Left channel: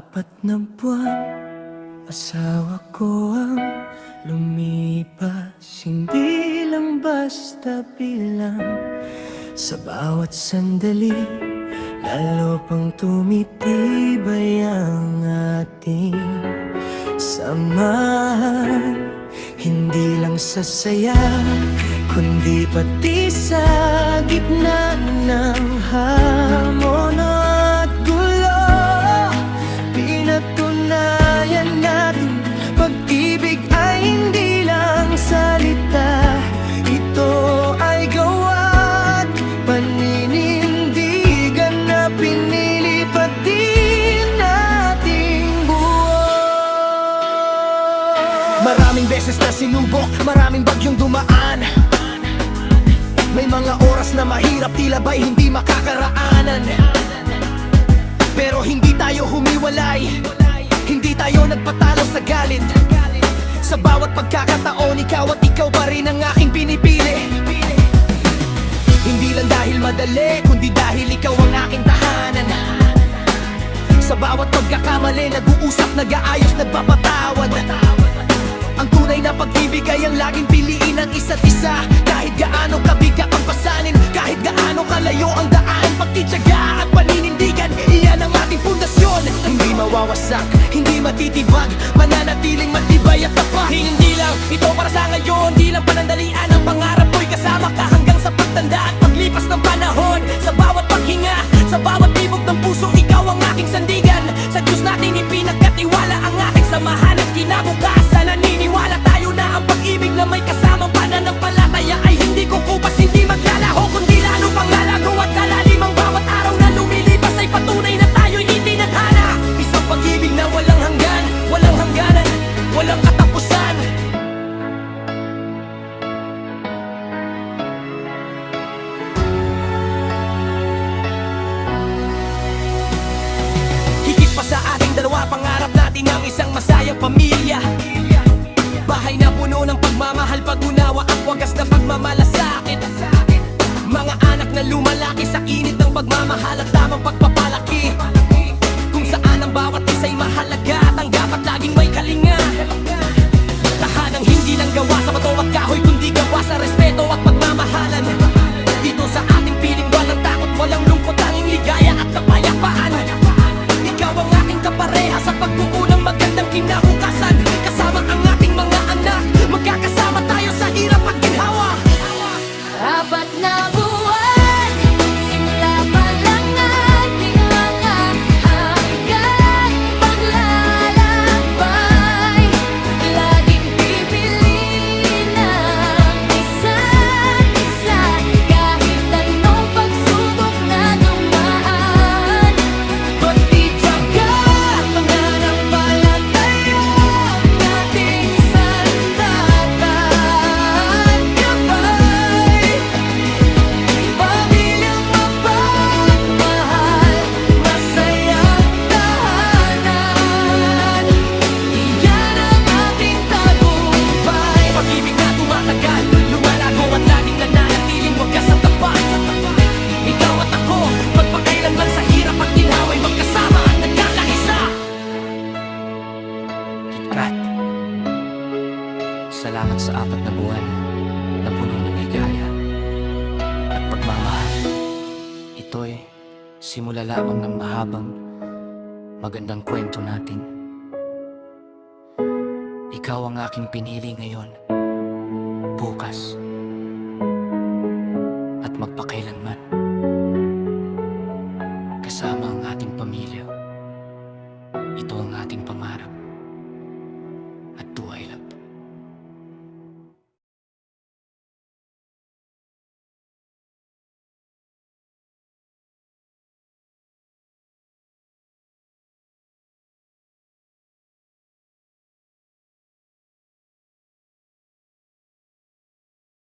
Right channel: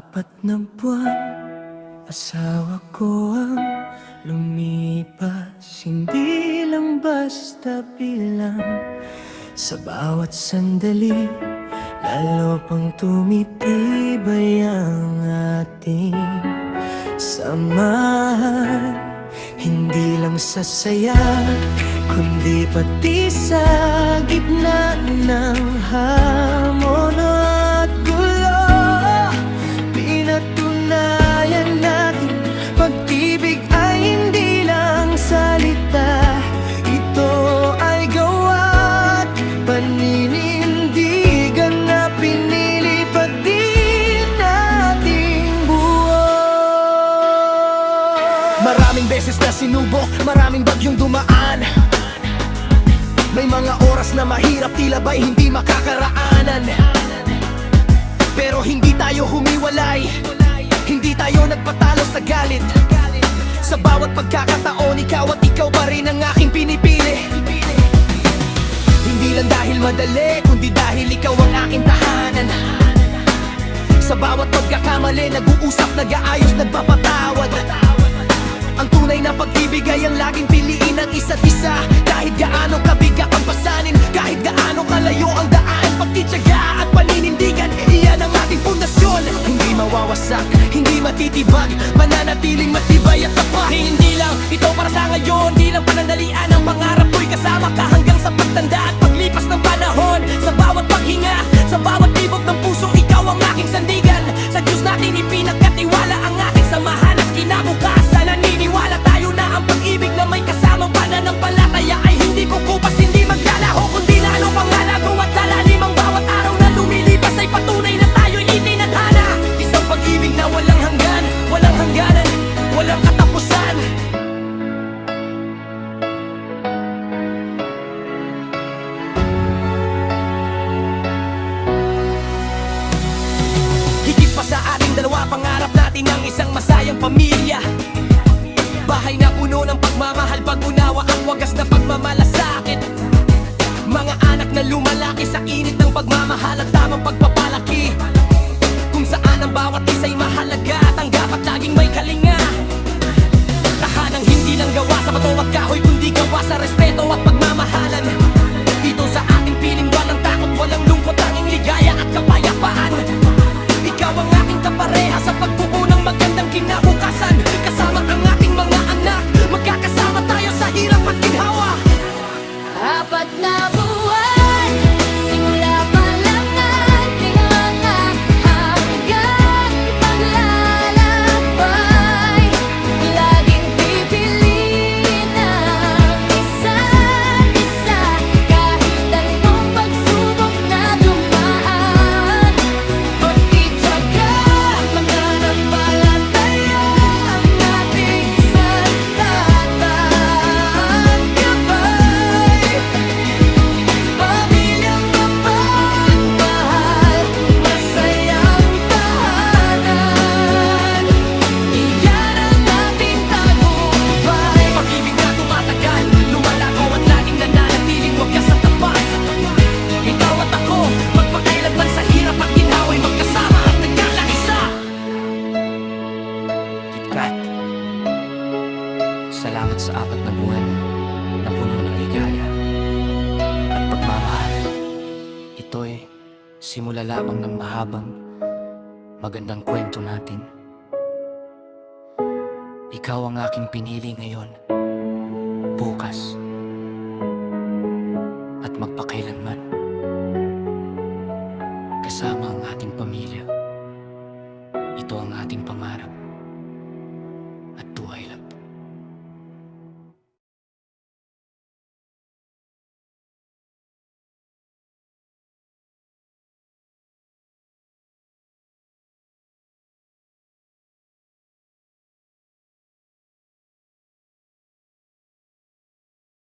4 na buwan, asawa ko ang lumipas. Hindi lang basta bilang, sa bawat sandali lalo pang tumitibay ang ating samahan. Hindi lang sa saya, kundi pati sa gitna ng hamon at gulo. Pinatunayan natin, pag-ibig ay hindi lang salita. Ito ay gawa't paninindigan na pinili pa din nating buo. Maraming beses na sinubok, maraming bagyong dumaan. May mga oras na mahirap, tila ba'y hindi makakaraanan. Pero hindi tayo humiwalay, hindi tayo nagpatalo sa galit. Sa bawat pagkakataon, ikaw at ikaw pa rin ang aking pinipili. Hindi lang dahil madali, kundi dahil ikaw ang aking tahanan. Sa bawat pagkakamali, nag-uusap, nag-aayos, nagpapatawad. Ang tunay na pag-ibig ay ang laging piliin ng isa't isa. Kahit gaano kabigat ang pasanin, kahit gaano kalayo ang daan, pagtityaga at paninindigan, iyan ang ating pundasyon. Hindi mawawasak, hindi matitibag, mananatiling matibay at tapat. Hindi lang ito para sa ngayon, di lang panandalian. Ang pangarap ko'y kasama ka hanggang sa pagtanda at paglipas ng panahon. Sa bawat paghinga, sa bawat tibok ng puso, ikaw ang aking sandigan. Sa Diyos natin ipinagkatiwala ang ating samahan at kinabukasan. Naniniwala tayo na ang pag-ibig na may kasamang pananampalataya ay hindi kukupas, hindi maglalaho, kundi lalo pang lalago at lalalim. Ang bawat araw na lumilipas ay patunay na tayo'y itinadhana. Isang pag-ibig na walang hanggan, walang hangganan, walang katapusan. Higit pa sa ating dalawa, pangarap natin ang isang masayang pamilya. Bahay na puno ng pagmamahal, pag-unawa at wagas na pagmamalasakit. Mga anak na lumalaki sa init ng pagmamahal at tamang pagpapalaki, kung saan ang bawat isa'y mahalaga at ang dapat laging may kalinga. Tahanang hindi lang gawa sa bato at kahoy, kundi gawa sa respeto at pagmamahalan. Dito sa ating piling walang takot, walang lungkot, tanging ligaya at kapayapaan. Ikaw ang aking kapareha sa pagbuo ng magandang kinabukasan. Kasama ang ating mga anak, magkakasama tayo sa hirap at ginhawa. 4 na buwan, simula pa lang ating mga hanggang paglalakbay. Laging pipiliin ang isa't isa, kahit anong pagsubok na dumaan. Pagtityaga at pananampalataya ang ating sandata at gabay. Pamilyang mapagmahal, masayang tahanan, iyan ang ating tagumpay. Pag-ibig na tumatagal, lumalago at laging nananatiling wagas at tapat. Ikaw at ako, magpakailanman sa hirap at ginhawa'y magkasama at nagkakaisa. KitKat, salamat sa 4 na buwan na puno ng ligaya at pagmamahal. Ito'y simula lamang ng mahabang, magandang kwento natin. Ikaw ang aking pinili ngayon, bukas, at magpakailanman. Kasama ang ating pamilya. Ito ang ating pangarap at tuway lang.